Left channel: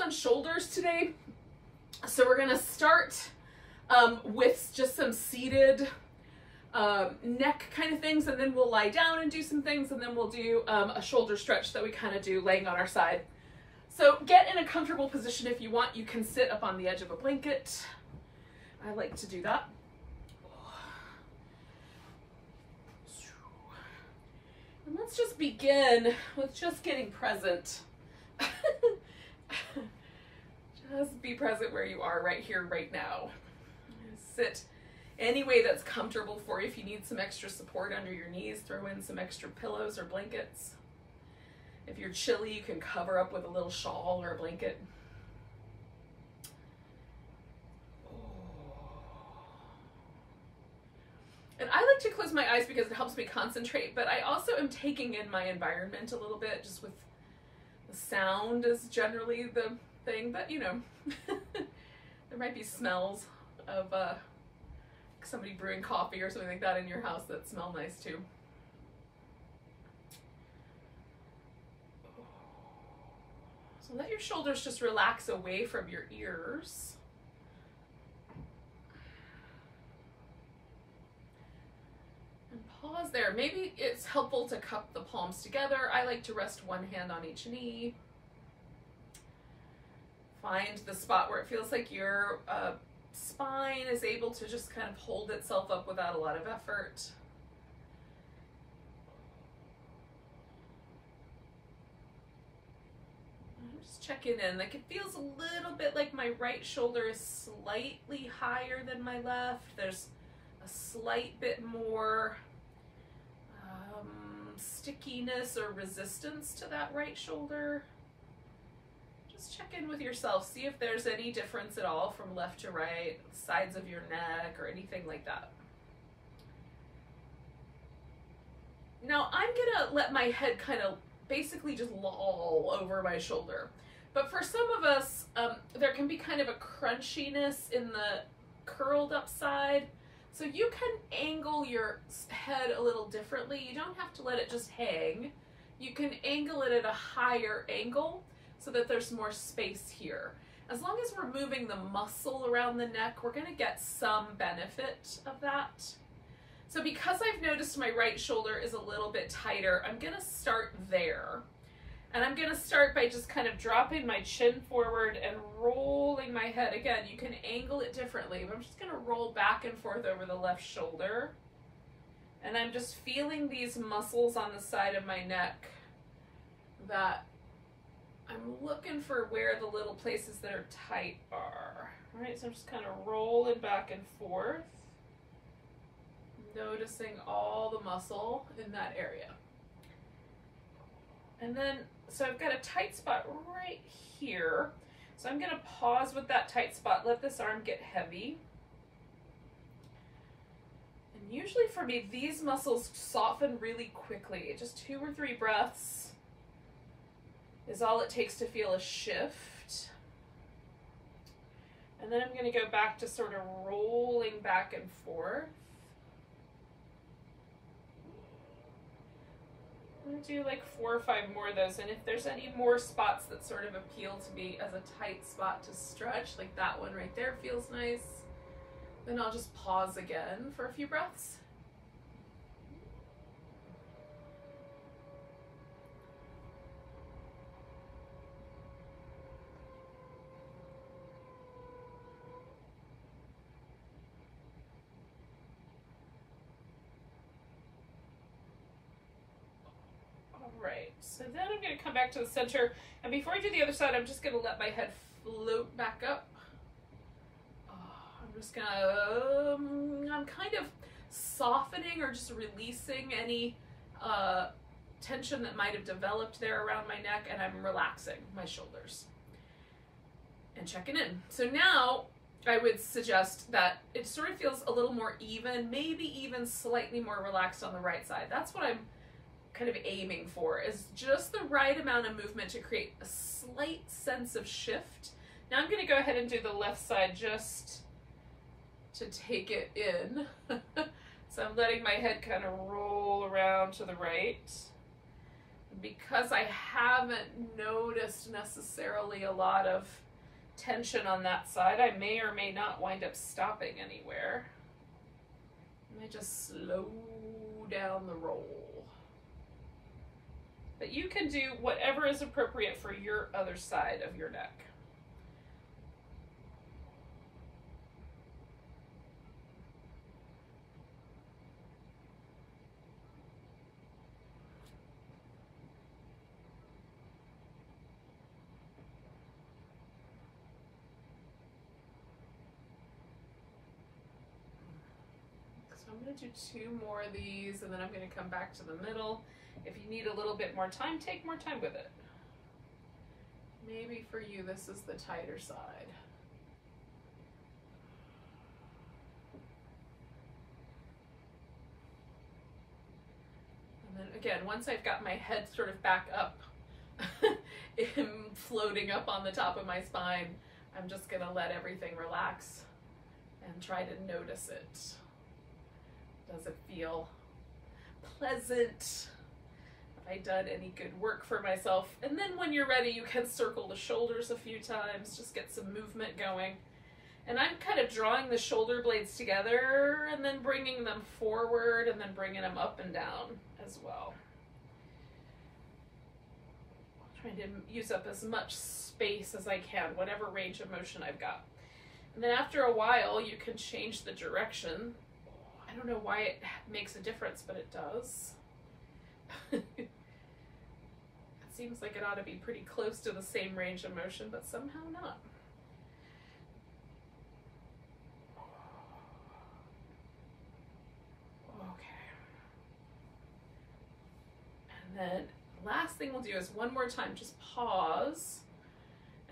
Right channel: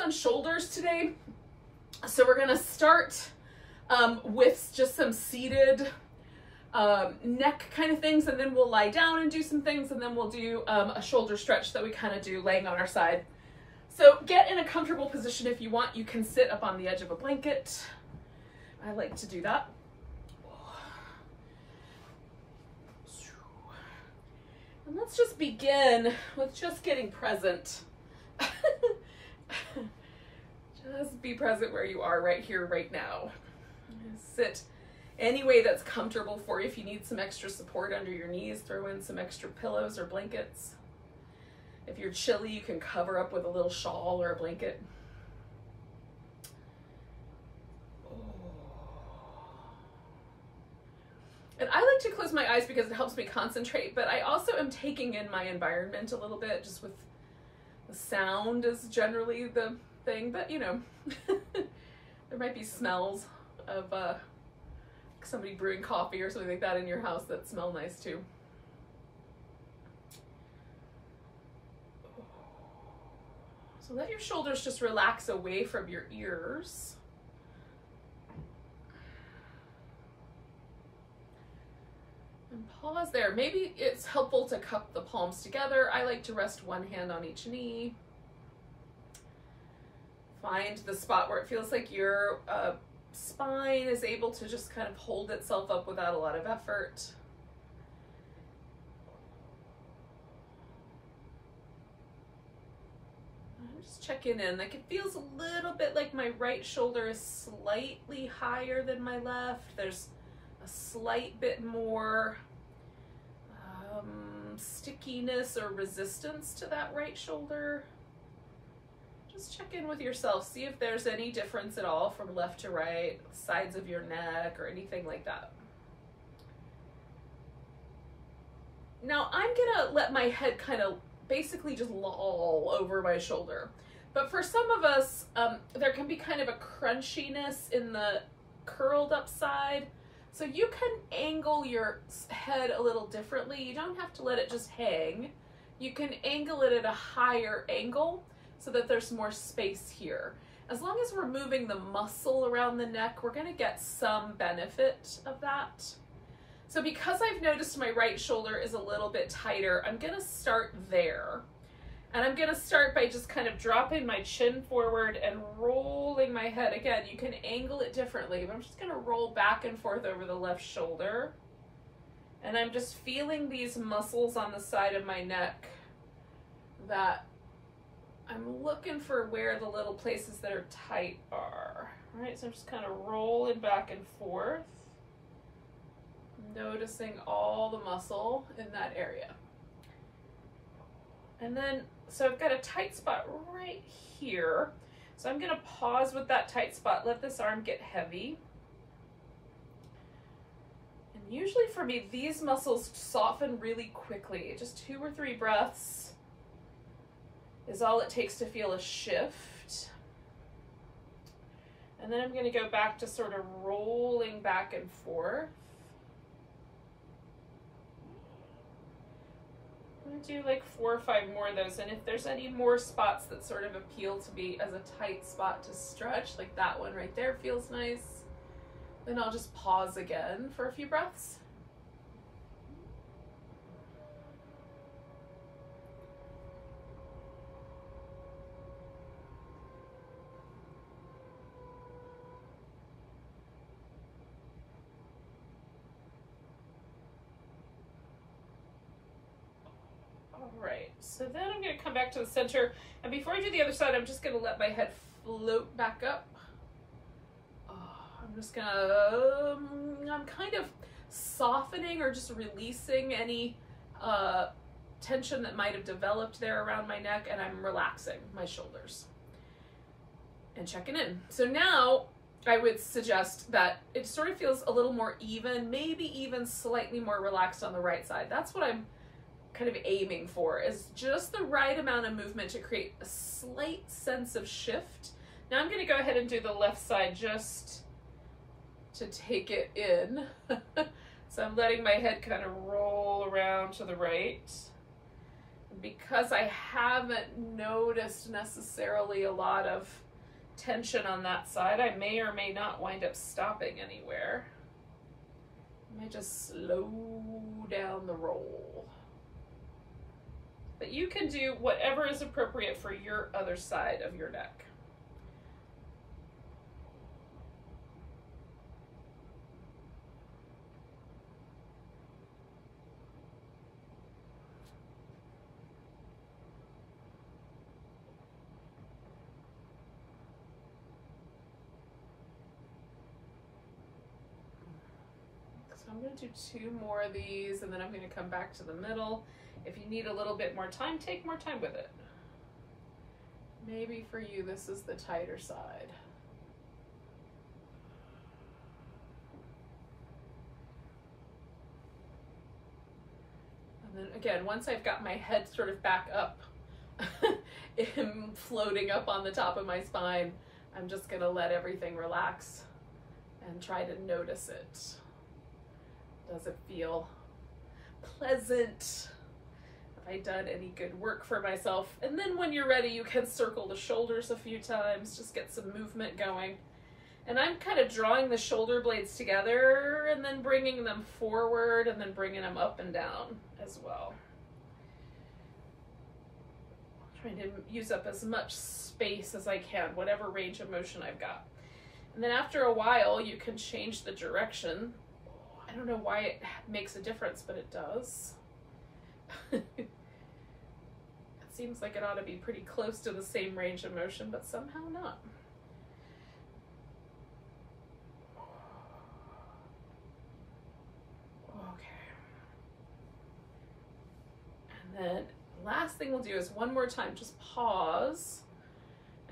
on shoulders today. So we're gonna start with just some seated neck kind of things, and then we'll lie down and do some things, and then we'll do a shoulder stretch that we kind of do laying on our side. So get in a comfortable position if you want. You can sit up on the edge of a blanket. I like to do that. And let's just begin with just getting present. Just be present where you are right here, right now. Sit any way that's comfortable for you. If you need some extra support under your knees, throw in some extra pillows or blankets. If you're chilly, you can cover up with a little shawl or a blanket. And I like to close my eyes because it helps me concentrate, but I also am taking in my environment a little bit, just with the sound is generally the thing, but you know, there might be smells of somebody brewing coffee or something like that in your house that smell nice too. So let your shoulders just relax away from your ears. And pause there. Maybe it's helpful to cup the palms together. I like to rest one hand on each knee. Find the spot where it feels like your spine is able to just kind of hold itself up without a lot of effort. I'm just checking in. Like, it feels a little bit like my right shoulder is slightly higher than my left. There's a slight bit more stickiness or resistance to that right shoulder. Just check in with yourself, see if there's any difference at all from left to right, sides of your neck or anything like that. Now I'm gonna let my head kind of basically just loll over my shoulder. But for some of us, there can be kind of a crunchiness in the curled up side. So you can angle your head a little differently. You don't have to let it just hang. You can angle it at a higher angle so that there's more space here. As long as we're moving the muscle around the neck, we're gonna get some benefit of that. So because I've noticed my right shoulder is a little bit tighter, I'm gonna start there. And I'm gonna start by just kind of dropping my chin forward and rolling my head. Again, you can angle it differently, but I'm just gonna roll back and forth over the left shoulder. And I'm just feeling these muscles on the side of my neck that I'm looking for where the little places that are tight are. All right, so I'm just kind of rolling back and forth, noticing all the muscle in that area. And then, so I've got a tight spot right here. So I'm gonna pause with that tight spot, let this arm get heavy. And usually for me, these muscles soften really quickly. Just 2 or 3 breaths is all it takes to feel a shift. And then I'm gonna go back to sort of rolling back and forth. I'm gonna do like 4 or 5 more of those, and if there's any more spots that sort of appeal to me as a tight spot to stretch, like that one right there feels nice, then I'll just pause again for a few breaths. Right, so then I'm going to come back to the center, and before I do the other side, I'm just going to let my head float back up. I'm just going to, I'm kind of softening or just releasing any tension that might have developed there around my neck, and I'm relaxing my shoulders and checking in. So now I would suggest that it sort of feels a little more even, maybe even slightly more relaxed on the right side. That's what I'm kind of aiming for, is just the right amount of movement to create a slight sense of shift. Now I'm going to go ahead and do the left side just to take it in. So I'm letting my head kind of roll around to the right. And because I haven't noticed necessarily a lot of tension on that side, I may or may not wind up stopping anywhere. Let me just slow down the roll. But you can do whatever is appropriate for your other side of your neck. I'm going to do 2 more of these, and then I'm going to come back to the middle. If you need a little bit more time, take more time with it. Maybe for you, this is the tighter side. And then again, once I've got my head sort of back up, floating up on the top of my spine, I'm just going to let everything relax and try to notice it. Does it feel pleasant? Have I done any good work for myself? And then when you're ready, you can circle the shoulders a few times, just get some movement going. And I'm kind of drawing the shoulder blades together and then bringing them forward and then bringing them up and down as well. Trying to use up as much space as I can, whatever range of motion I've got. And then after a while, you can change the direction. I don't know why it makes a difference, but it does. It seems like it ought to be pretty close to the same range of motion, but somehow not. Okay. And then last thing we'll do is one more time, just pause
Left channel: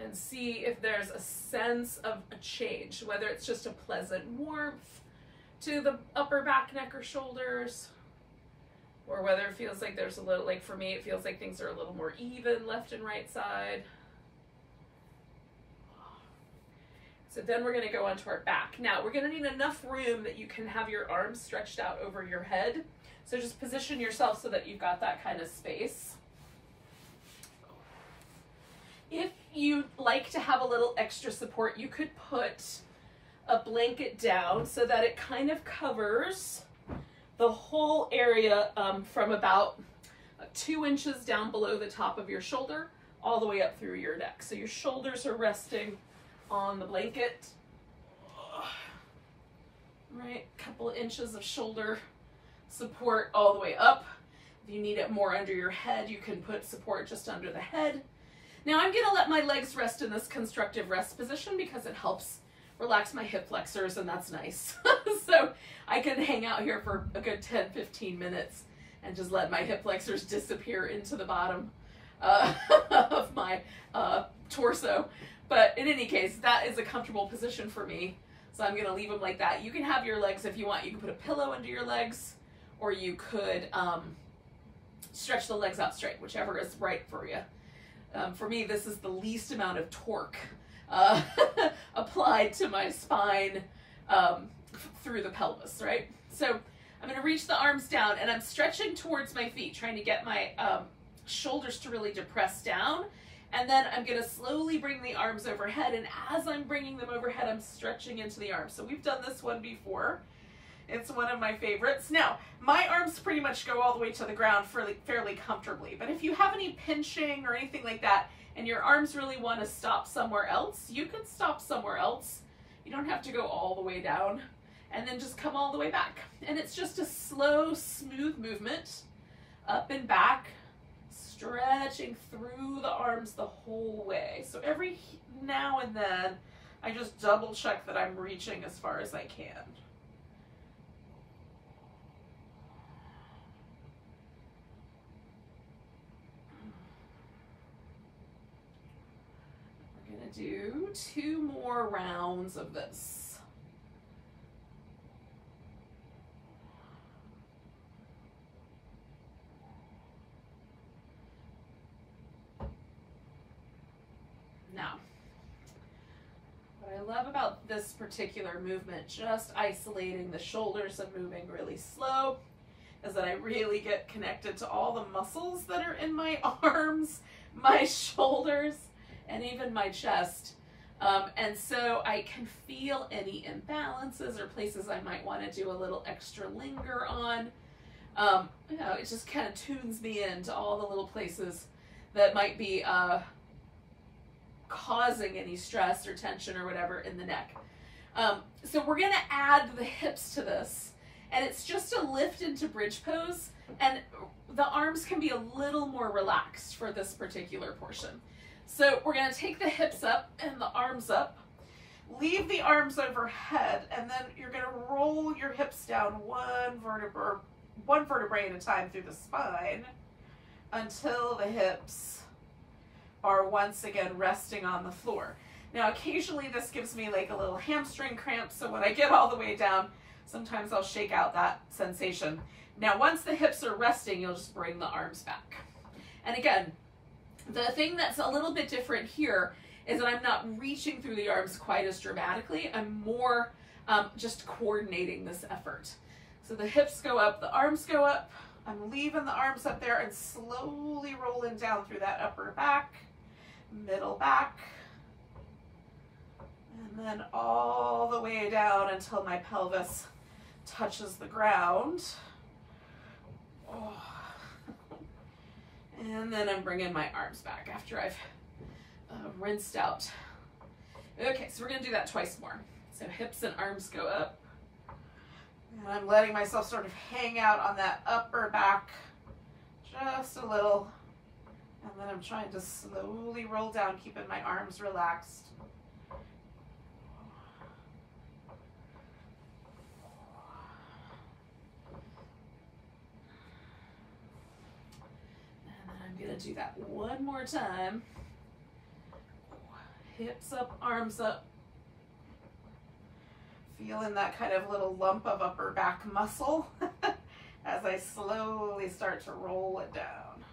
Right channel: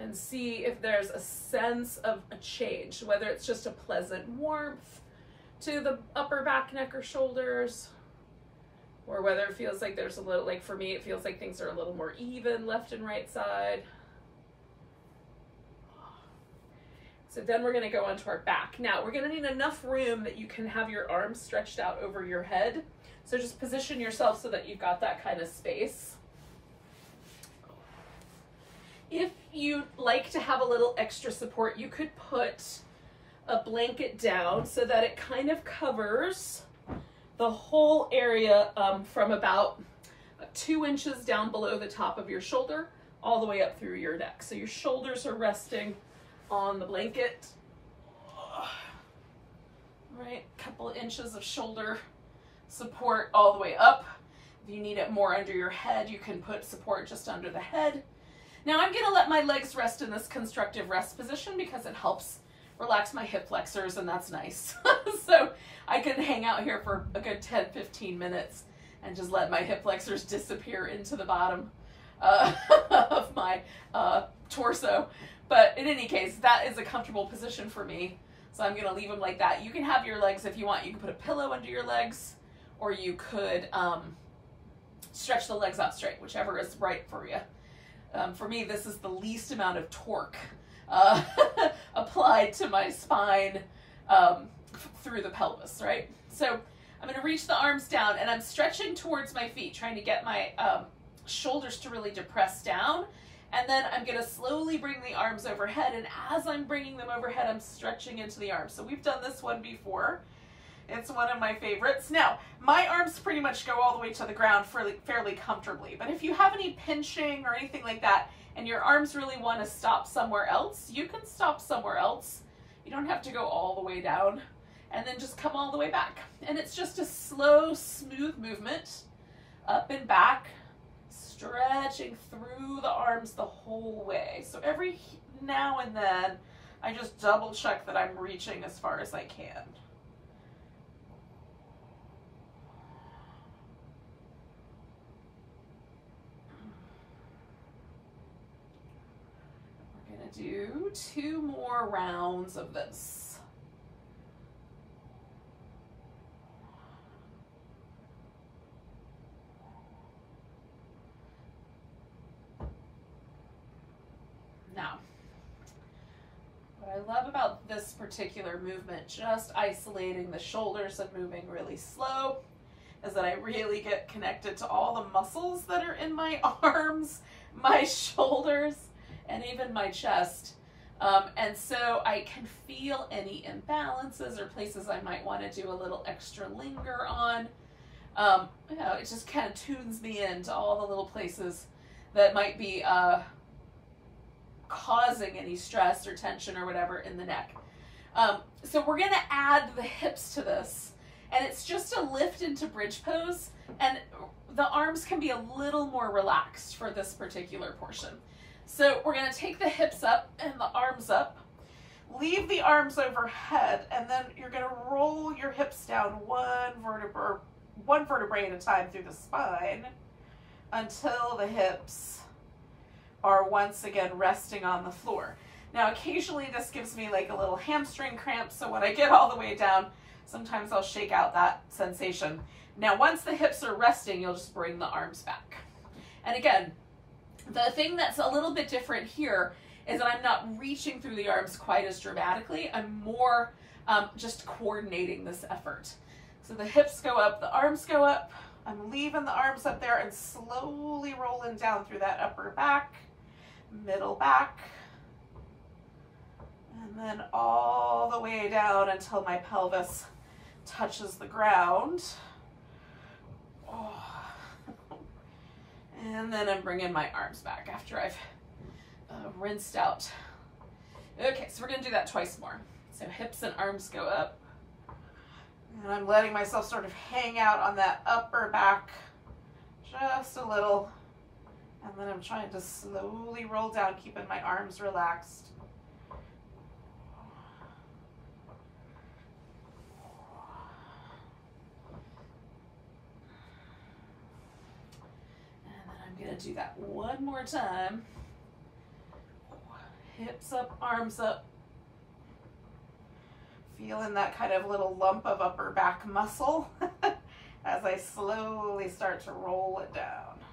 and see if there's a sense of a change, whether it's just a pleasant warmth to the upper back, neck, or shoulders, or whether it feels like there's a little, like for me, it feels like things are a little more even left and right side. So then we're gonna go onto our back. Now we're gonna need enough room that you can have your arms stretched out over your head. So just position yourself so that you've got that kind of space. If you'd like to have a little extra support, you could put a blanket down so that it kind of covers the whole area from about 2 inches down below the top of your shoulder all the way up through your neck. So your shoulders are resting on the blanket. All right, a couple of inches of shoulder support all the way up. If you need it more under your head, you can put support just under the head. Now I'm gonna let my legs rest in this constructive rest position because it helps relax my hip flexors, and that's nice. So I can hang out here for a good 10-15 minutes and just let my hip flexors disappear into the bottom of my torso. But in any case, that is a comfortable position for me. So I'm gonna leave them like that. You can have your legs, if you want, you can put a pillow under your legs, or you could stretch the legs out straight, whichever is right for you. For me, this is the least amount of torque applied to my spine through the pelvis, right? So I'm gonna reach the arms down and I'm stretching towards my feet, trying to get my shoulders to really depress down. And then I'm gonna slowly bring the arms overhead, and as I'm bringing them overhead, I'm stretching into the arms. So we've done this one before. It's one of my favorites. Now, my arms pretty much go all the way to the ground fairly comfortably, but if you have any pinching or anything like that, and your arms really want to stop somewhere else, you can stop somewhere else. You don't have to go all the way down, and then just come all the way back. And it's just a slow, smooth movement, up and back, stretching through the arms the whole way. So every now and then, I just double check that I'm reaching as far as I can. Do 2 more rounds of this. Now, what I love about this particular movement, just isolating the shoulders and moving really slow, is that I really get connected to all the muscles that are in my arms, my shoulders, and even my chest. And so I can feel any imbalances or places I might want to do a little extra linger on. You know, it just kind of tunes me into all the little places that might be causing any stress or tension or whatever in the neck. So we're going to add the hips to this, and it's just a lift into bridge pose, and the arms can be a little more relaxed for this particular portion. So we're going to take the hips up and the arms up, leave the arms overhead, and then you're going to roll your hips down one vertebrae at a time through the spine until the hips are once again resting on the floor. Now, occasionally this gives me like a little hamstring cramp, so when I get all the way down, sometimes I'll shake out that sensation. Now, once the hips are resting, you'll just bring the arms back. And again, the thing that's a little bit different here is that I'm not reaching through the arms quite as dramatically. I'm more just coordinating this effort. So the hips go up, the arms go up. I'm leaving the arms up there and slowly rolling down through that upper back, middle back, and then all the way down until my pelvis touches the ground. Oh. And then I'm bringing my arms back after I've rinsed out. Okay, so we're going to do that twice more. So hips and arms go up. And I'm letting myself sort of hang out on that upper back just a little. And then I'm trying to slowly roll down, keeping my arms relaxed. Gonna do that one more time. Hips up, arms up. Feeling that kind of little lump of upper back muscle as I slowly start to roll it down.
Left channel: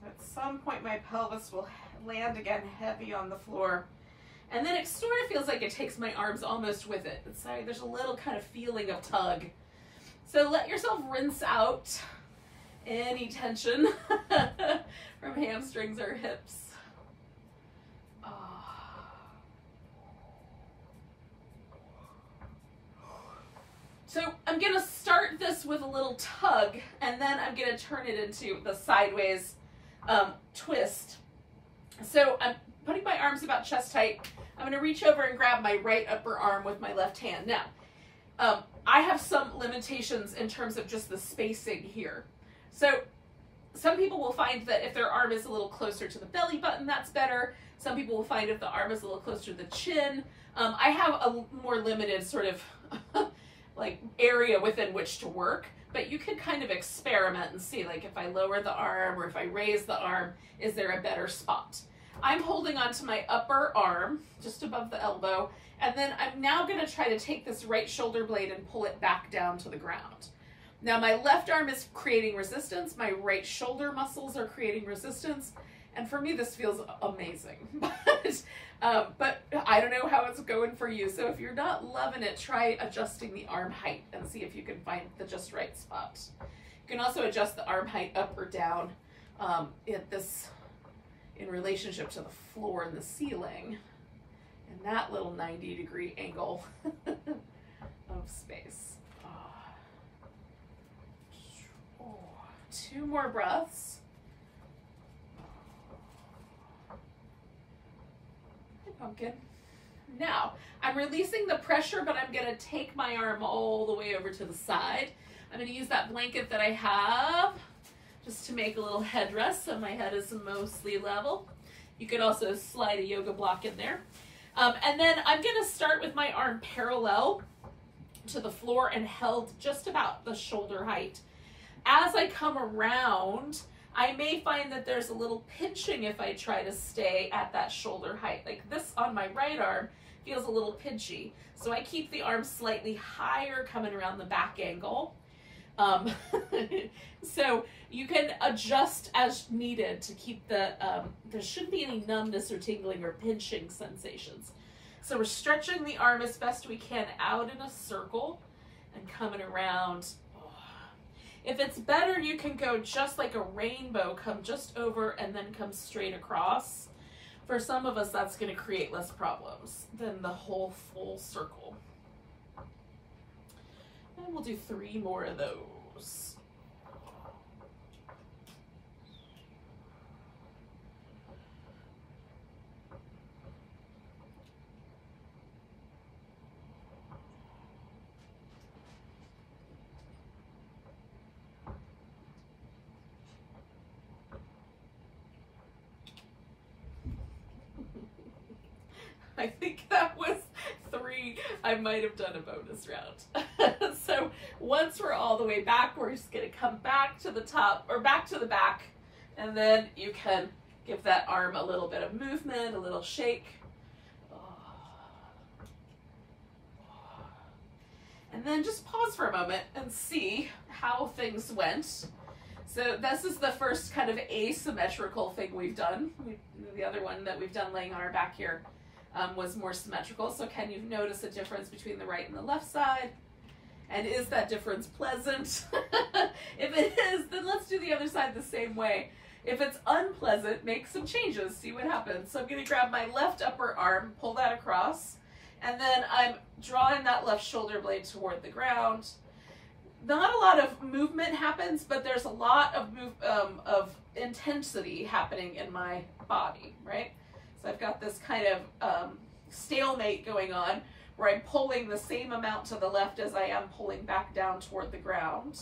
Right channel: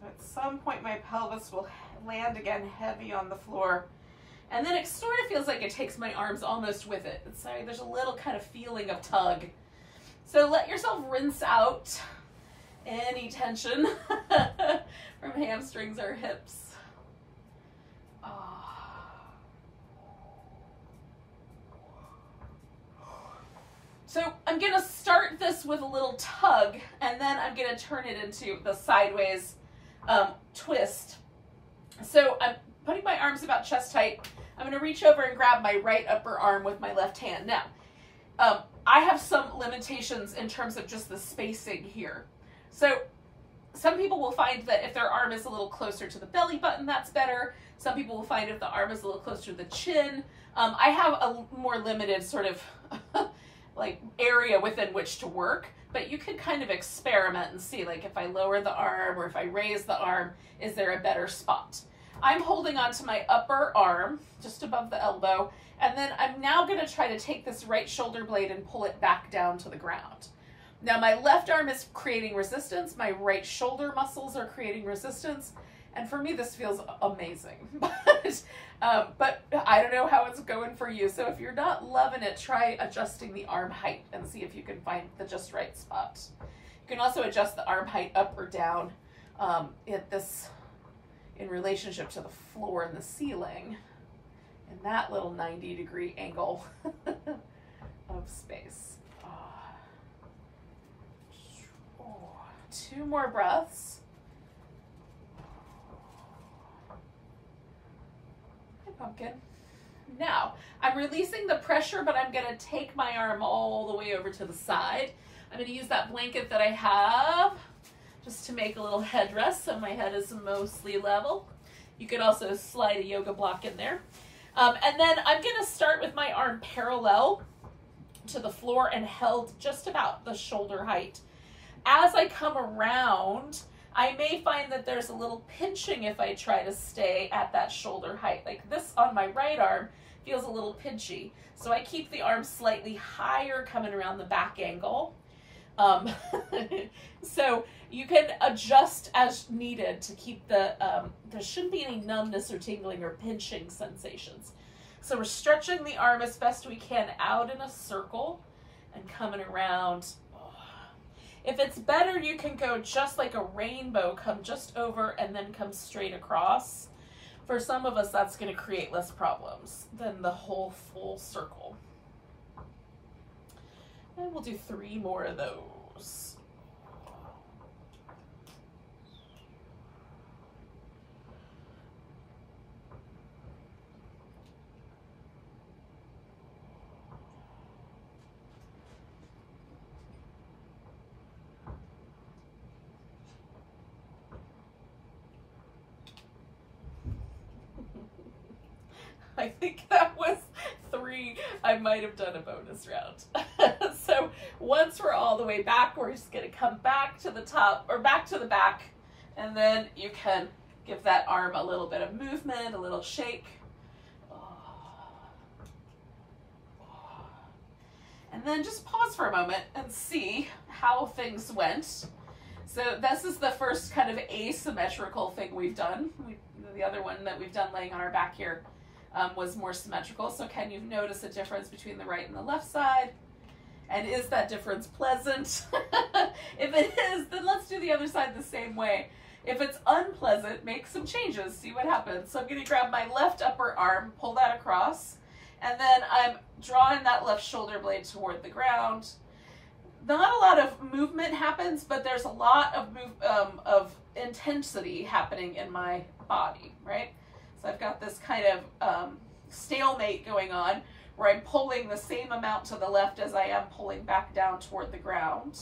So at some point my pelvis will land again heavy on the floor. And then it sort of feels like it takes my arms almost with it. Sorry, there's a little kind of feeling of tug. So let yourself rinse out any tension from hamstrings or hips. So I'm gonna start this with a little tug, and then I'm gonna turn it into the sideways twist. So I'm putting my arms about chest height. I'm going to reach over and grab my right upper arm with my left hand. Now, I have some limitations in terms of just the spacing here. So some people will find that if their arm is a little closer to the belly button, that's better. Some people will find if the arm is a little closer to the chin. I have a more limited sort of like area within which to work, but you could kind of experiment and see, like, if I lower the arm or if I raise the arm, is there a better spot? I'm holding onto my upper arm, just above the elbow, and then I'm now going to try to take this right shoulder blade and pull it back down to the ground. Now my left arm is creating resistance, my right shoulder muscles are creating resistance, and for me this feels amazing. But I don't know how it's going for you, so if you're not loving it, try adjusting the arm height and see if you can find the just right spot. You can also adjust the arm height up or down in relationship to the floor and the ceiling in that little 90-degree angle of space. Two more breaths. Hi, pumpkin. Now, I'm releasing the pressure, but I'm going to take my arm all the way over to the side. I'm going to use that blanket that I have just to make a little headrest so my head is mostly level. You could also slide a yoga block in there. And then I'm going to start with my arm parallel to the floor and held just about the shoulder height. As I come around, I may find that there's a little pinching if I try to stay at that shoulder height. Like this on my right arm feels a little pinchy. So I keep the arm slightly higher coming around the back angle. So you can adjust as needed to keep the, there shouldn't be any numbness or tingling or pinching sensations. So we're stretching the arm as best we can out in a circle and coming around. If it's better, you can go just like a rainbow, come just over and then come straight across. For some of us, that's going to create less problems than the whole full circle. And we'll do 3 more of those. I think that was 3. I might have done a bonus round. So once we're all the way back, we're just going to come back to the top or back to the back, and then you can give that arm a little bit of movement, a little shake. And then just pause for a moment and see how things went. So this is the first kind of asymmetrical thing we've done. The other one that we've done laying on our back here was more symmetrical. So can you notice a difference between the right and the left side? And is that difference pleasant? If it is, then let's do the other side the same way. If it's unpleasant, make some changes, see what happens. So I'm going to grab my left upper arm, pull that across, and then I'm drawing that left shoulder blade toward the ground. Not a lot of movement happens, but there's a lot of intensity happening in my body, right? So I've got this kind of stalemate going on where I'm pulling the same amount to the left as I am pulling back down toward the ground.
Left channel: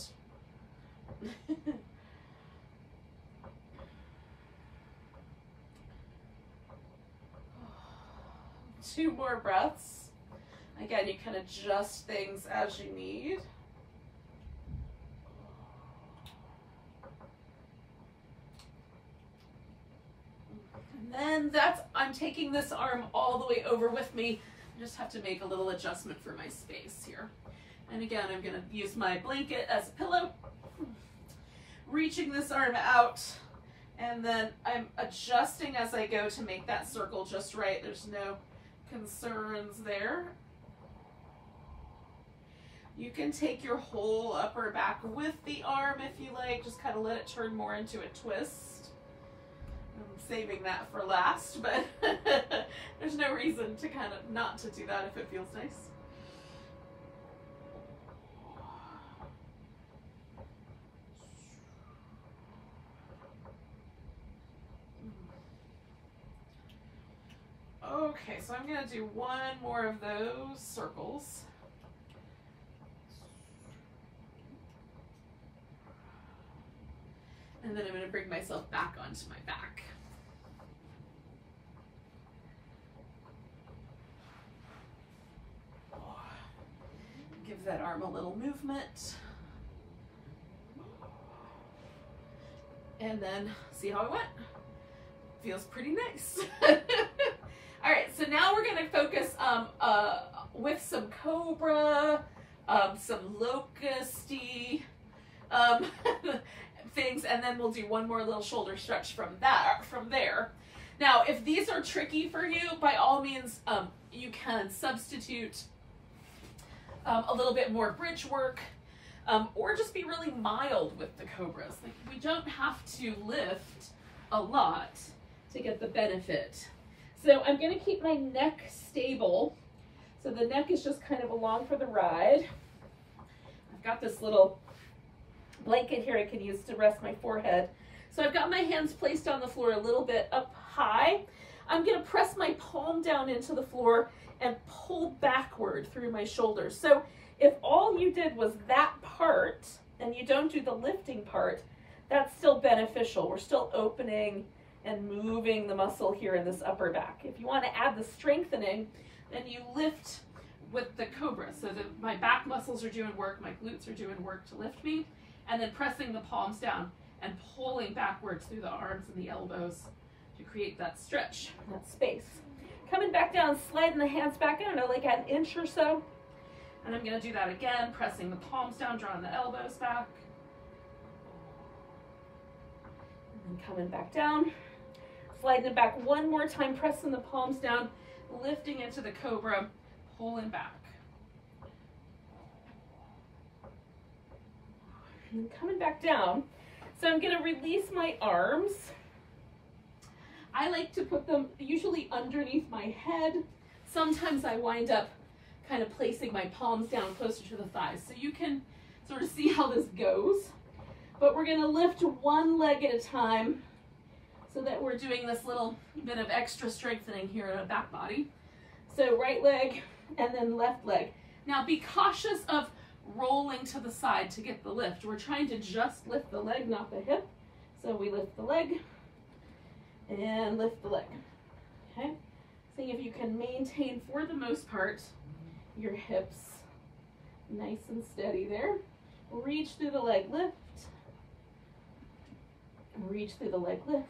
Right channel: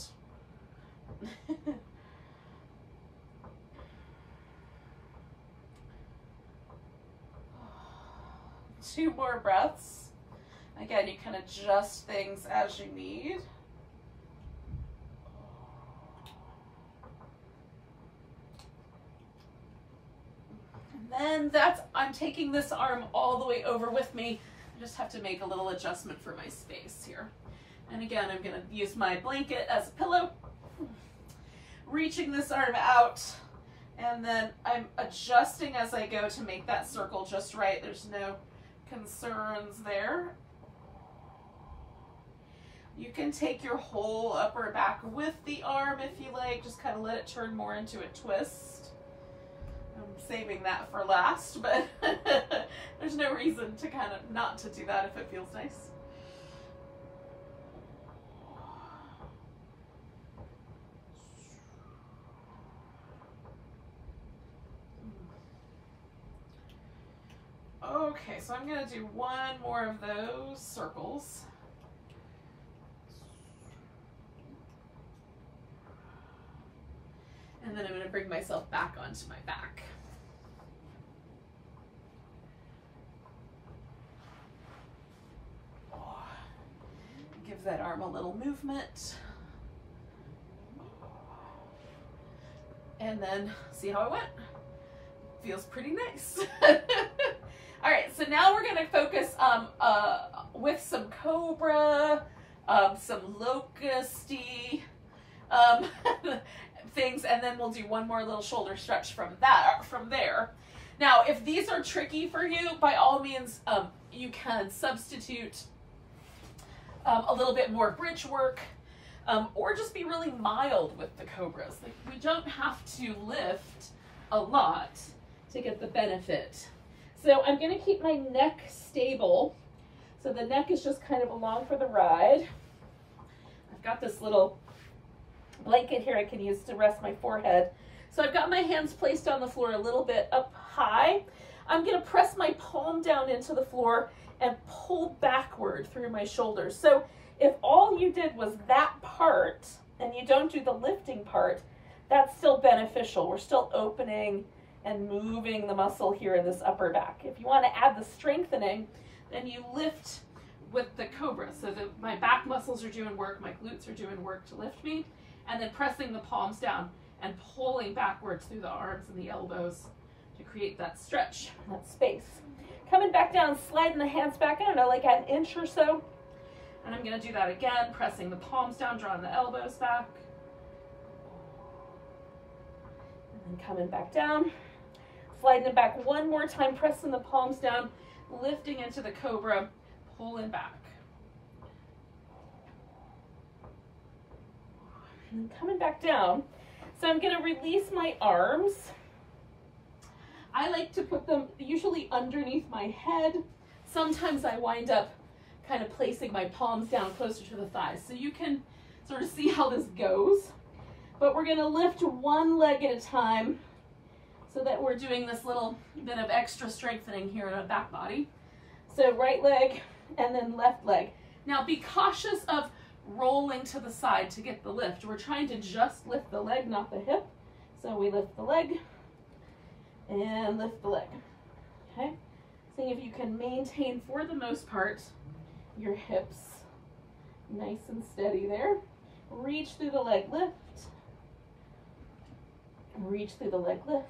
2 more breaths. Again, you can adjust things as you need. And then I'm taking this arm all the way over with me. I just have to make a little adjustment for my space here. And again, I'm going to use my blanket as a pillow, reaching this arm out, and then I'm adjusting as I go to make that circle just right. There's no concerns there. You can take your whole upper back with the arm if you like, just kind of let it turn more into a twist. I'm saving that for last, but there's no reason to kind of not to do that if it feels nice. Okay, so I'm going to do 1 more of those circles. And then I'm going to bring myself back onto my back. Give that arm a little movement. And then see how it went. Feels pretty nice. All right, so now we're going to focus with some cobra, some locusty things, and then we'll do 1 more little shoulder stretch from there. Now, if these are tricky for you, by all means, you can substitute a little bit more bridge work, or just be really mild with the cobras. Like, we don't have to lift a lot to get the benefit. So I'm going to keep my neck stable. So the neck is just kind of along for the ride. I've got this little blanket here I can use to rest my forehead. So I've got my hands placed on the floor a little bit up high. I'm going to press my palm down into the floor and pull backward through my shoulders. So if all you did was that part and you don't do the lifting part, that's still beneficial. We're still opening and moving the muscle here in this upper back. If you want to add the strengthening, then you lift with the cobra. So my back muscles are doing work, my glutes are doing work to lift me, and then pressing the palms down and pulling backwards through the arms and the elbows to create that stretch, that space. Coming back down, sliding the hands back, I don't know, like an inch or so. And I'm going to do that again, pressing the palms down, drawing the elbows back. And then coming back down, sliding it back 1 more time, pressing the palms down, lifting into the cobra, pulling back. And then coming back down. So I'm going to release my arms. I like to put them usually underneath my head. Sometimes I wind up kind of placing my palms down closer to the thighs. So you can sort of see how this goes. But we're going to lift one leg at a time so that we're doing this little bit of extra strengthening here in our back body. So right leg and then left leg. Now be cautious of rolling to the side to get the lift. We're trying to just lift the leg, not the hip. So we lift the leg and lift the leg. Okay? See if you can maintain, for the most part, your hips nice and steady there. Reach through the leg, lift. Reach through the leg, lift.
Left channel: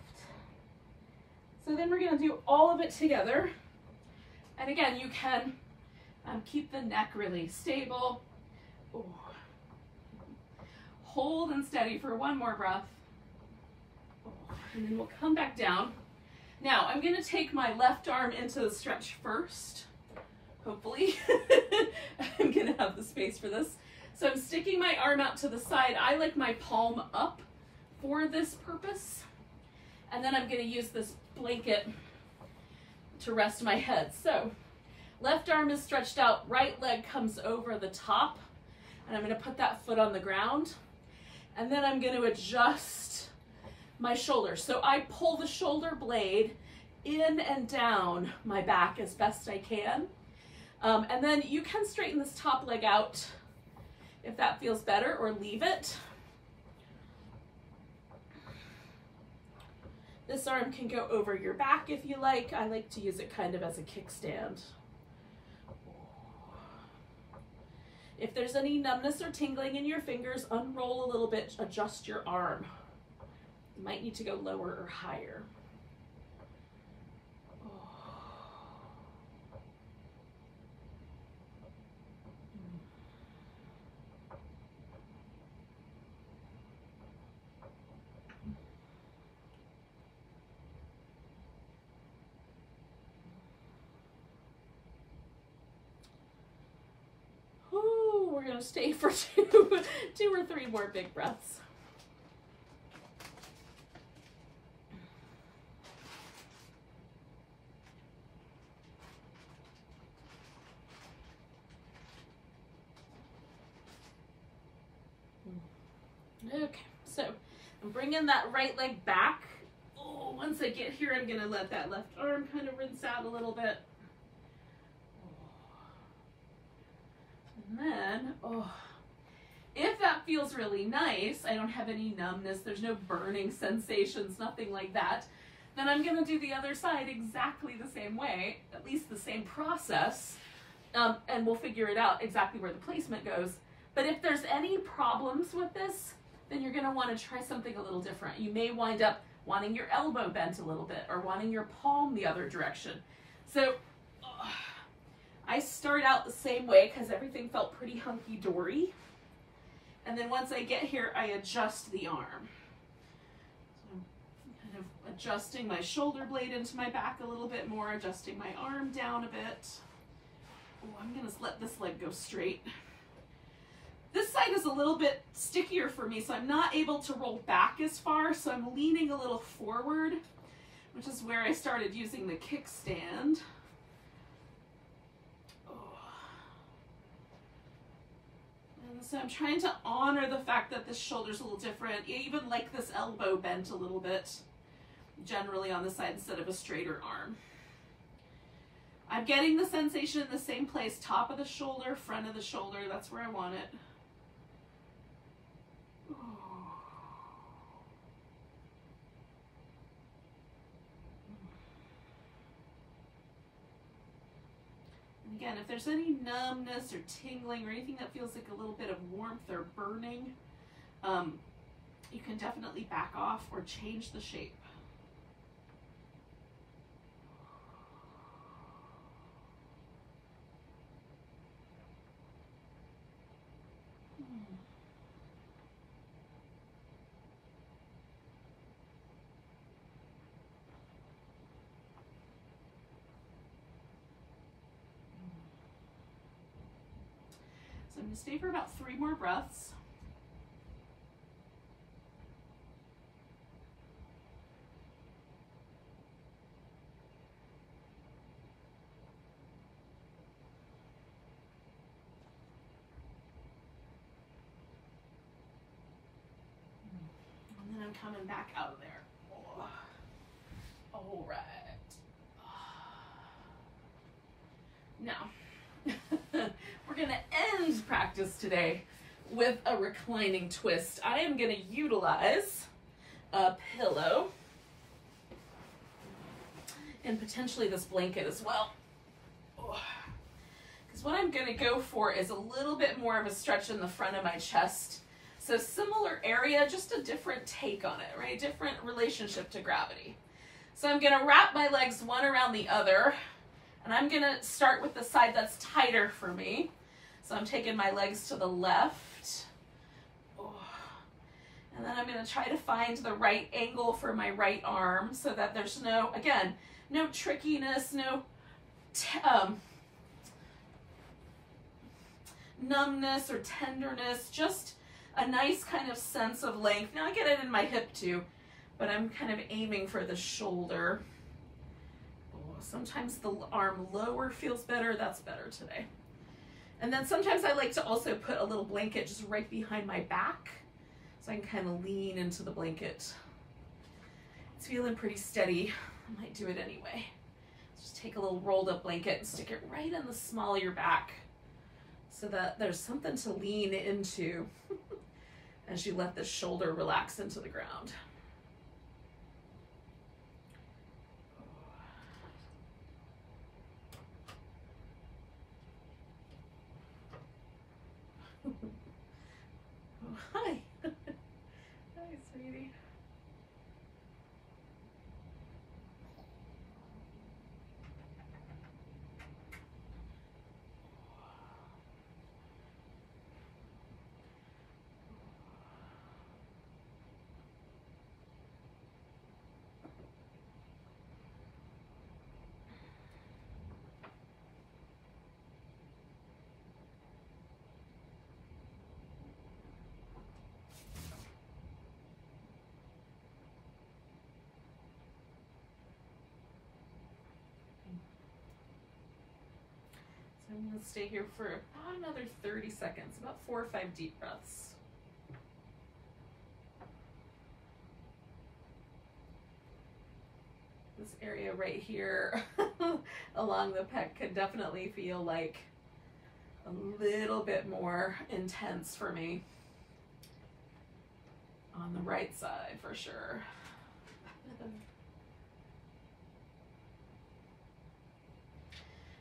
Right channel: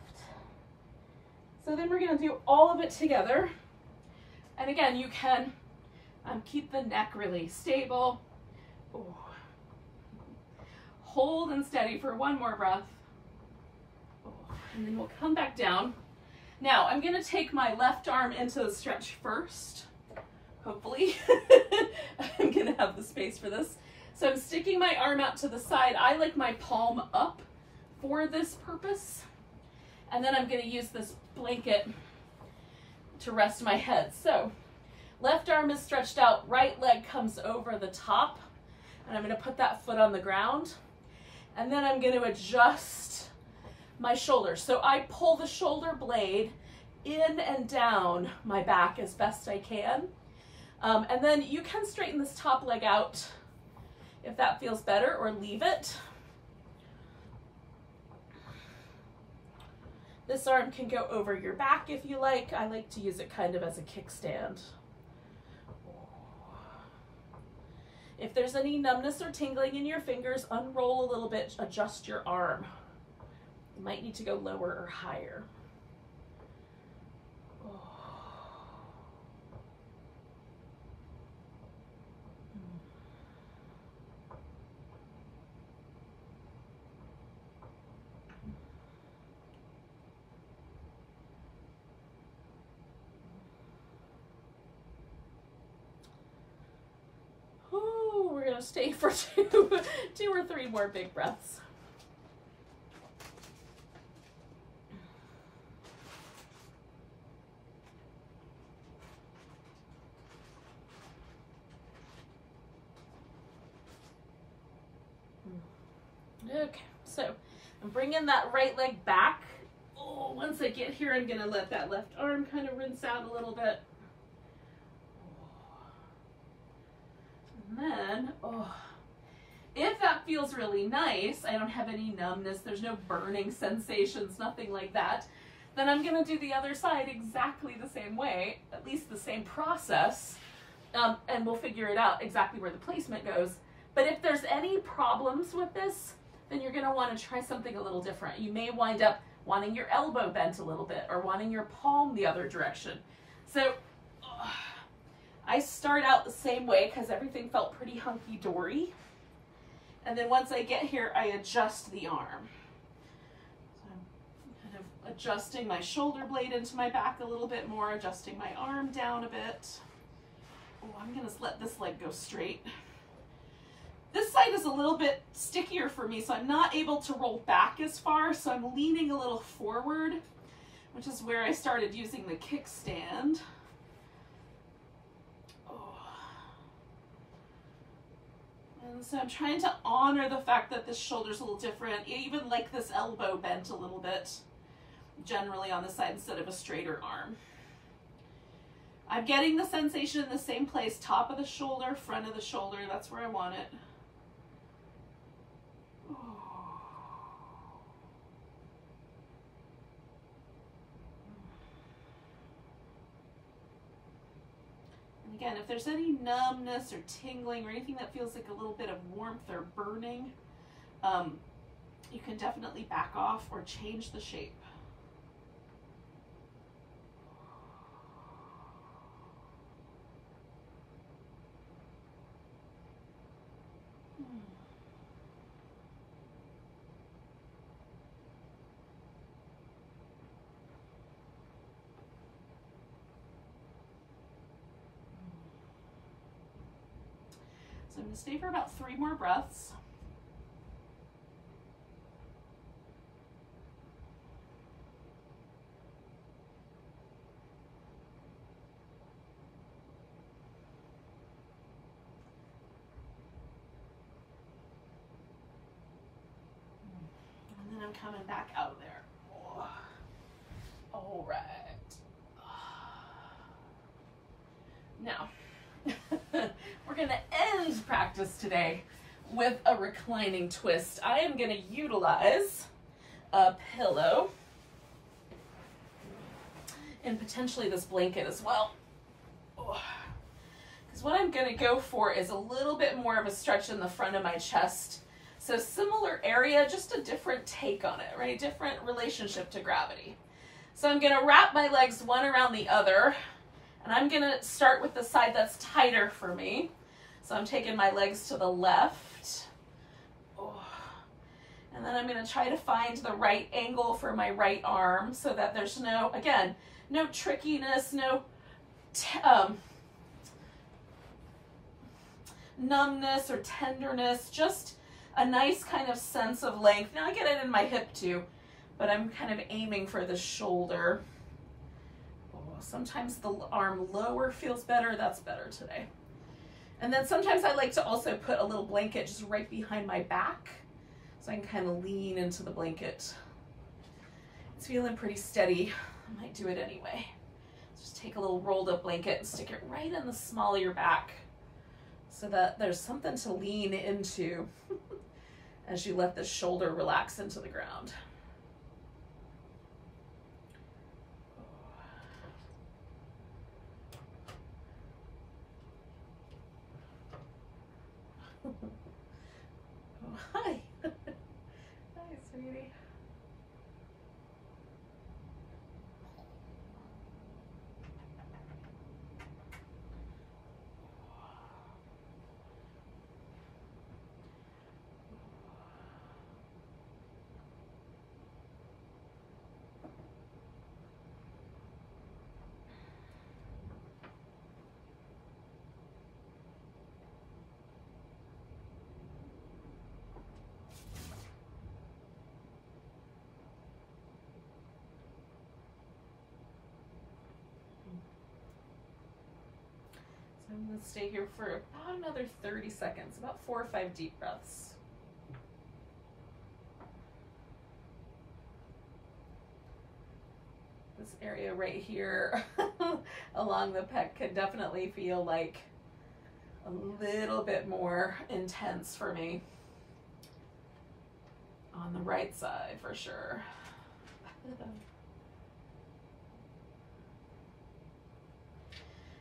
So then we're going to do all of it together. And again, you can keep the neck really stable. Ooh. Hold and steady for one more breath. And then we'll come back down. Now, I'm going to take my left arm into the stretch first. Hopefully. I'm going to have the space for this. So I'm sticking my arm out to the side. I like my palm up for this purpose. And then I'm going to use this blanket to rest my head. So left arm is stretched out, right leg comes over the top, and I'm going to put that foot on the ground. And then I'm going to adjust my shoulders. So I pull the shoulder blade in and down my back as best I can. And then you can straighten this top leg out if that feels better, or leave it. This arm can go over your back if you like. I like to use it kind of as a kickstand. If there's any numbness or tingling in your fingers, unroll a little bit, adjust your arm. You might need to go lower or higher. We're going to stay for two or three more big breaths. Okay, so I'm bringing that right leg back. Oh, once I get here, I'm going to let that left arm kind of rinse out a little bit. And then, if that feels really nice, I don't have any numbness, there's no burning sensations, nothing like that, then I'm going to do the other side exactly the same way, at least the same process, and we'll figure it out exactly where the placement goes. But if there's any problems with this, then you're going to want to try something a little different. You may wind up wanting your elbow bent a little bit or wanting your palm the other direction. So I start out the same way because everything felt pretty hunky-dory. And then once I get here, I adjust the arm. So I'm kind of adjusting my shoulder blade into my back a little bit more, adjusting my arm down a bit. Oh, I'm going to let this leg go straight. This side is a little bit stickier for me, so I'm not able to roll back as far, so I'm leaning a little forward, which is where I started using the kickstand. And so I'm trying to honor the fact that this shoulder's a little different. I even like this elbow bent a little bit, generally on the side instead of a straighter arm. I'm getting the sensation in the same place, top of the shoulder, front of the shoulder, that's where I want it. And again, if there's any numbness or tingling or anything that feels like a little bit of warmth or burning, you can definitely back off or change the shape. So I'm going to stay for about 3 more breaths. And then I'm coming back out of there. Oh. All right. Now, we're going to end practice today with a reclining twist. I am going to utilize a pillow and potentially this blanket as well. Because what I'm going to go for is a little bit more of a stretch in the front of my chest. So similar area, just a different take on it, right? Different relationship to gravity. So I'm going to wrap my legs one around the other. And I'm going to start with the side that's tighter for me. So I'm taking my legs to the left. And then I'm going to try to find the right angle for my right arm so that there's no, again, no trickiness, no numbness or tenderness, just a nice kind of sense of length. Now I get it in my hip too, but I'm kind of aiming for the shoulder. Sometimes the arm lower feels better. That's better today. And then sometimes I like to also put a little blanket just right behind my back so I can kind of lean into the blanket. It's feeling pretty steady. I might do it anyway. Just take a little rolled up blanket and stick it right in the small of your back so that there's something to lean into as you let the shoulder relax into the ground. Oh, hi. Hi, sweetie. I'm going to stay here for about another 30 seconds, about 4 or 5 deep breaths. This area right here along the pec can definitely feel like a little bit more intense for me on the right side for sure.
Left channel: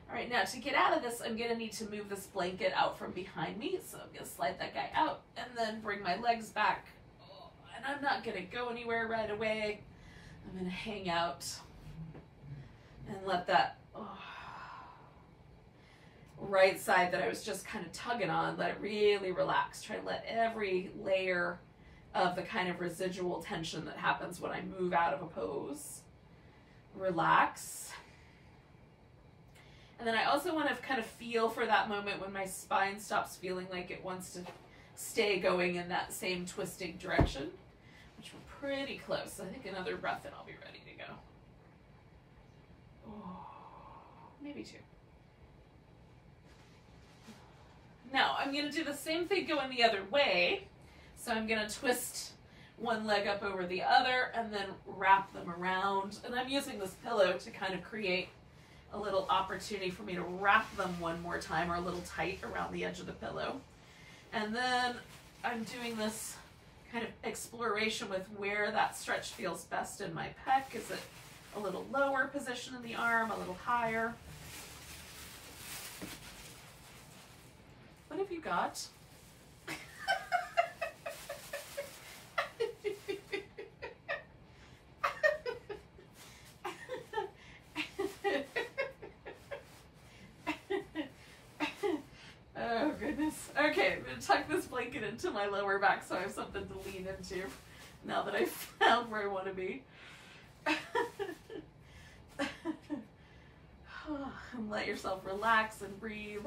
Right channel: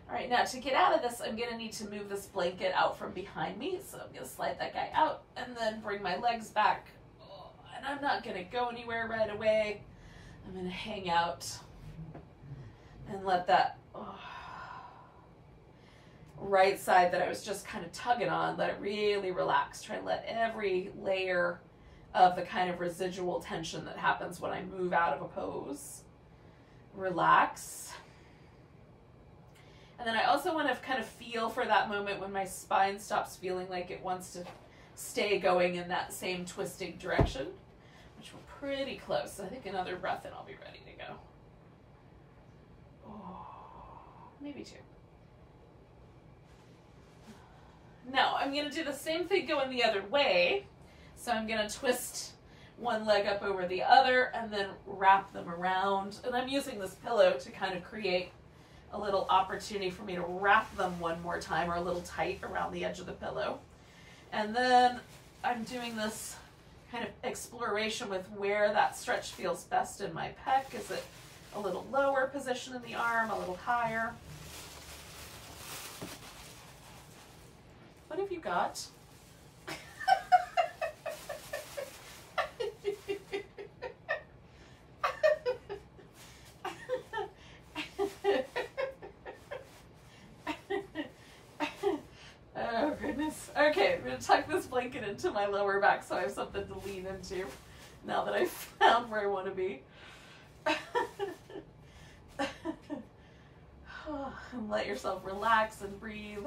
All right, now to get out of this, I'm gonna need to move this blanket out from behind me. So I'm gonna slide that guy out and then bring my legs back. Oh, and I'm not gonna go anywhere right away. I'm gonna hang out and let that right side that I was just kind of tugging on, let it really relax. Try to let every layer of the kind of residual tension that happens when I move out of a pose relax. And then I also want to kind of feel for that moment when my spine stops feeling like it wants to stay going in that same twisting direction, which we're pretty close. I think another breath and I'll be ready to go. Oh, maybe 2. Now I'm going to do the same thing going the other way. So I'm going to twist one leg up over the other and then wrap them around. And I'm using this pillow to kind of create a little opportunity for me to wrap them one more time, or a little tight around the edge of the pillow. And then I'm doing this kind of exploration with where that stretch feels best in my pec. Is it a little lower position in the arm, a little higher? What have you got? Oh goodness. Okay, I'm going to tuck this blanket into my lower back so I have something to lean into now that I've found where I want to be. And let yourself relax and breathe.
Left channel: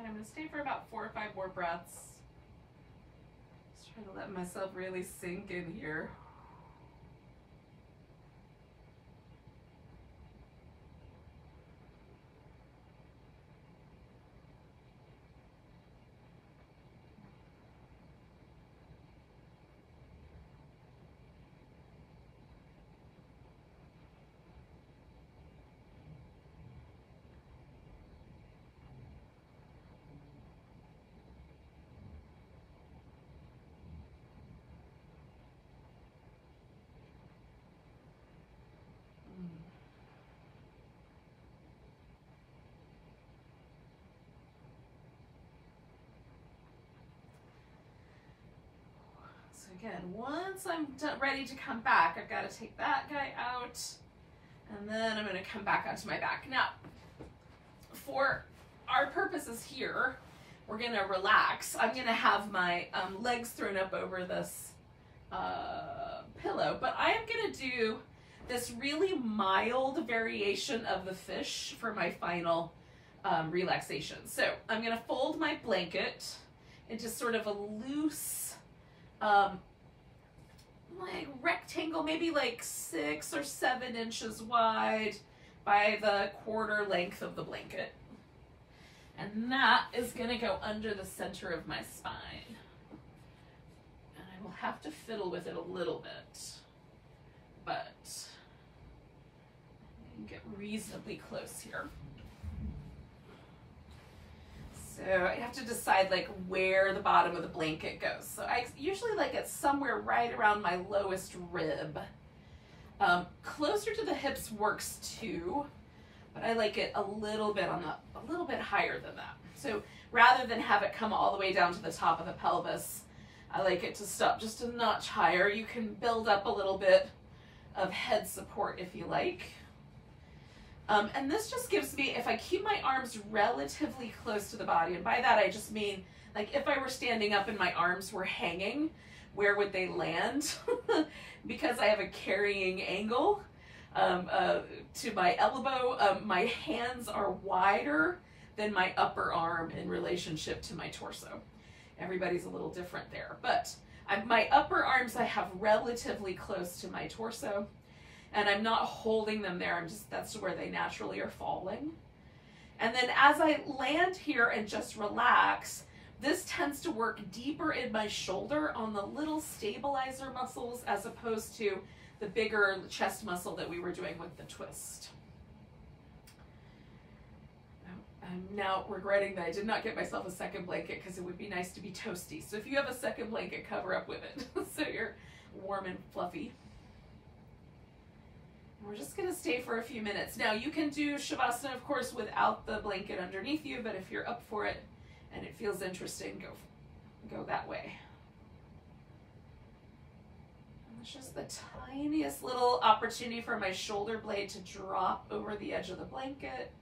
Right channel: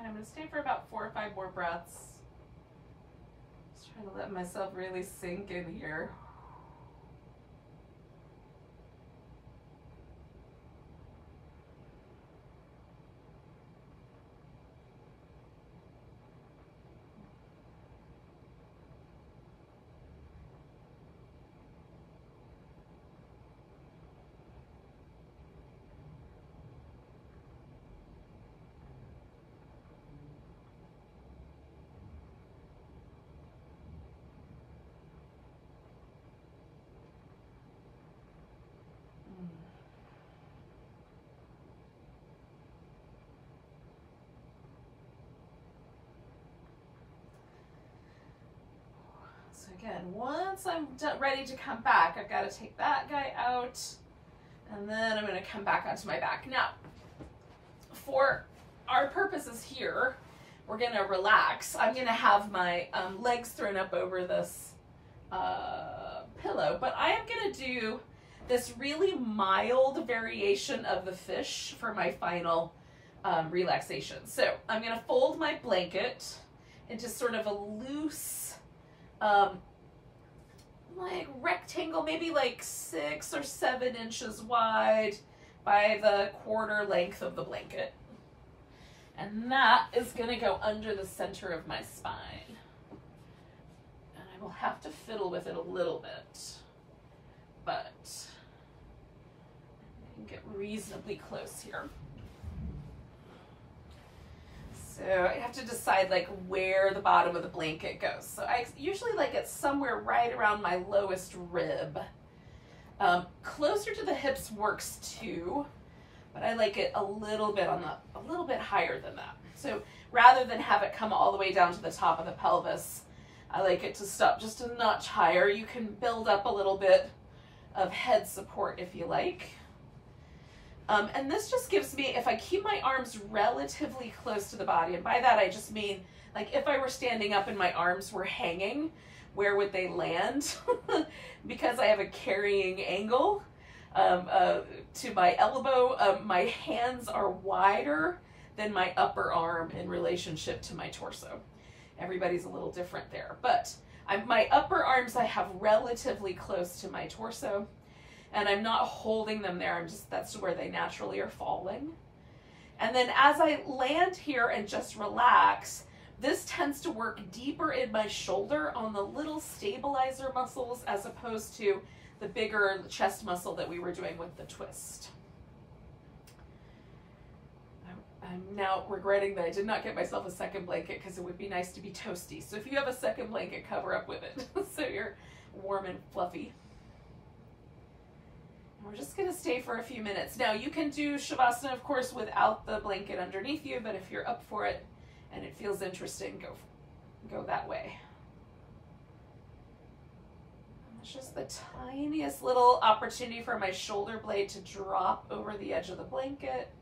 Again, I'm going to stay for about 4 or 5 more breaths. Just trying to let myself really sink in here. Again, once I'm ready to come back, I've got to take that guy out, and then I'm going to come back onto my back. Now, for our purposes here, we're going to relax. I'm going to have my legs thrown up over this pillow, but I am going to do this really mild variation of the fish for my final relaxation. So I'm going to fold my blanket into sort of a loose like rectangle, maybe like 6 or 7 inches wide by the quarter length of the blanket. And that is going to go under the center of my spine. And I will have to fiddle with it a little bit, but I can get reasonably close here. So I have to decide like where the bottom of the blanket goes. So I usually like it somewhere right around my lowest rib. Closer to the hips works too, but I like it a little bit higher than that. So rather than have it come all the way down to the top of the pelvis, I like it to stop just a notch higher. You can build up a little bit of head support if you like. And this just gives me, if I keep my arms relatively close to the body, and by that I just mean, like if I were standing up and my arms were hanging, where would they land? Because I have a carrying angle to my elbow, my hands are wider than my upper arm in relationship to my torso. Everybody's a little different there, but my upper arms I have relatively close to my torso. And I'm not holding them there, that's where they naturally are falling. And then as I land here and just relax, this tends to work deeper in my shoulder on the little stabilizer muscles as opposed to the bigger chest muscle that we were doing with the twist. I'm now regretting that I did not get myself a second blanket because it would be nice to be toasty. So if you have a second blanket, cover up with it so you're warm and fluffy. We're just going to stay for a few minutes. Now you can do Shavasana, of course, without the blanket underneath you, but if you're up for it and it feels interesting, go that way. And it's just the tiniest little opportunity for my shoulder blade to drop over the edge of the blanket.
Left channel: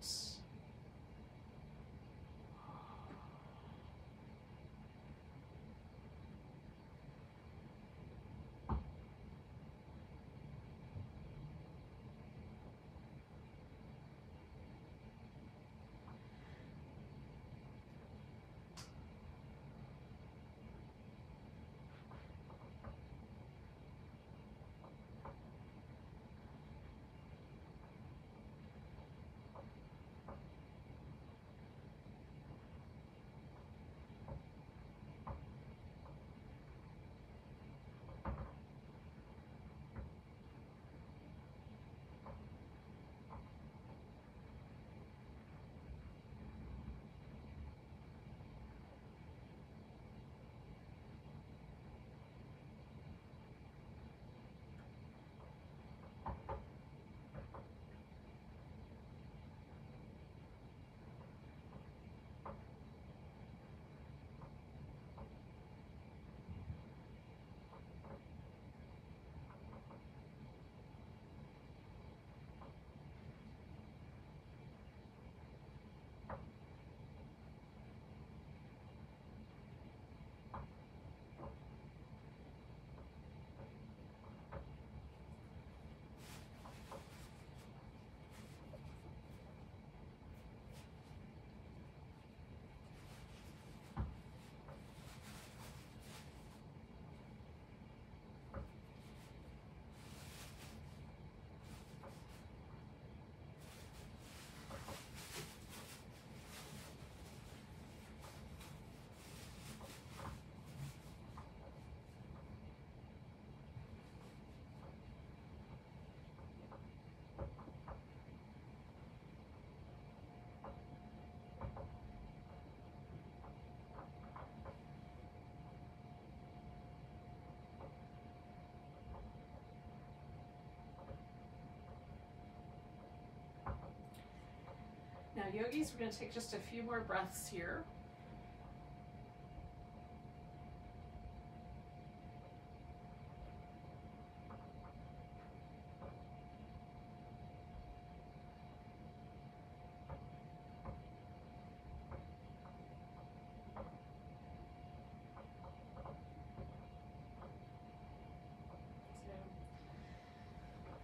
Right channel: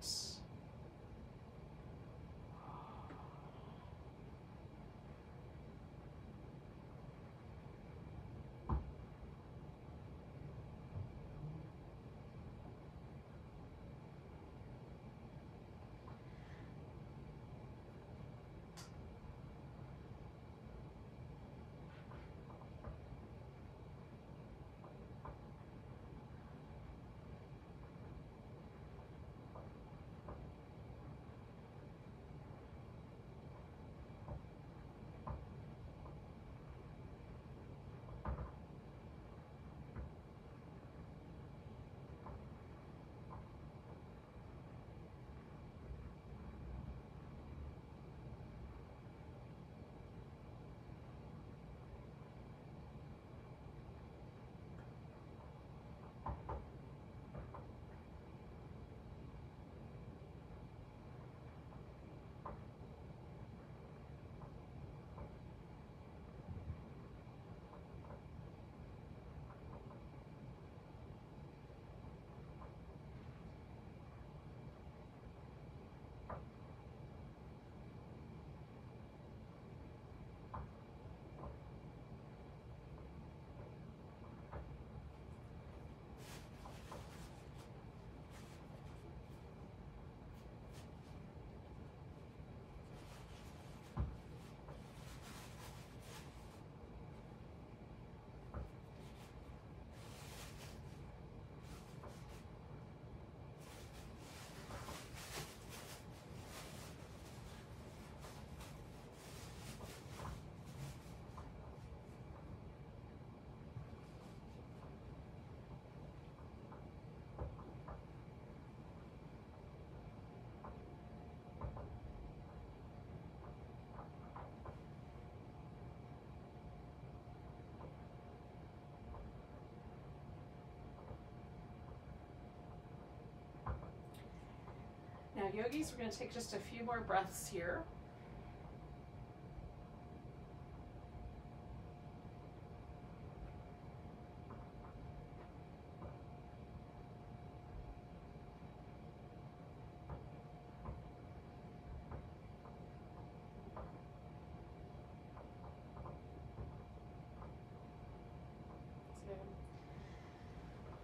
yogis, we're going to take just a few more breaths here.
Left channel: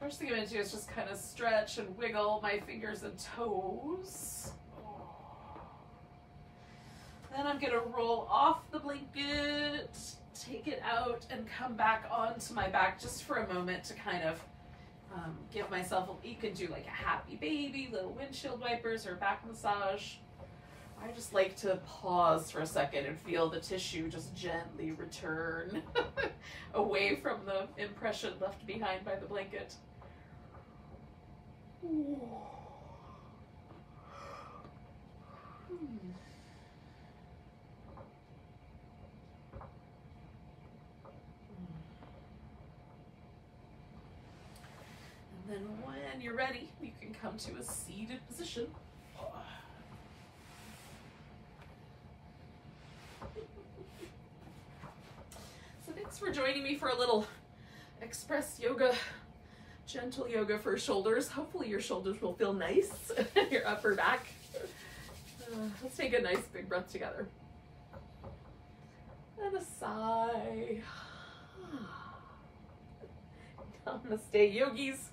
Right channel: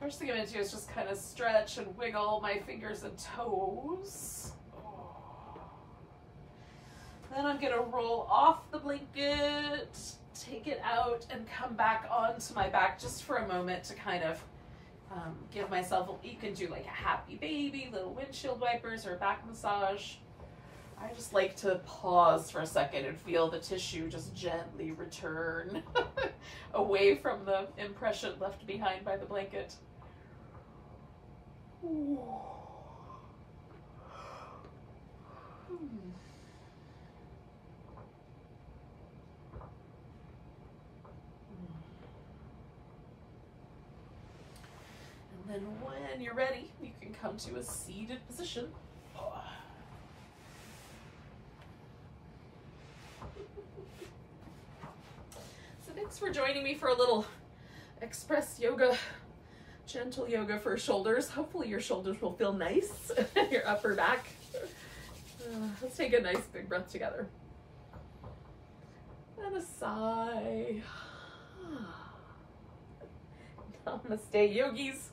First thing I'm going to do is just kind of stretch and wiggle my fingers and toes. Then I'm going to roll off the blanket, take it out, and come back onto my back just for a moment to kind of give myself, you can do like a happy baby, little windshield wipers, or back massage. I just like to pause for a second and feel the tissue just gently return away from the impression left behind by the blanket. Ooh. And then when you're ready, you can come to a seated position. So thanks for joining me for a little express yoga, gentle yoga for shoulders. Hopefully your shoulders will feel nice, your upper back. Let's take a nice big breath together. And a sigh. Namaste, yogis.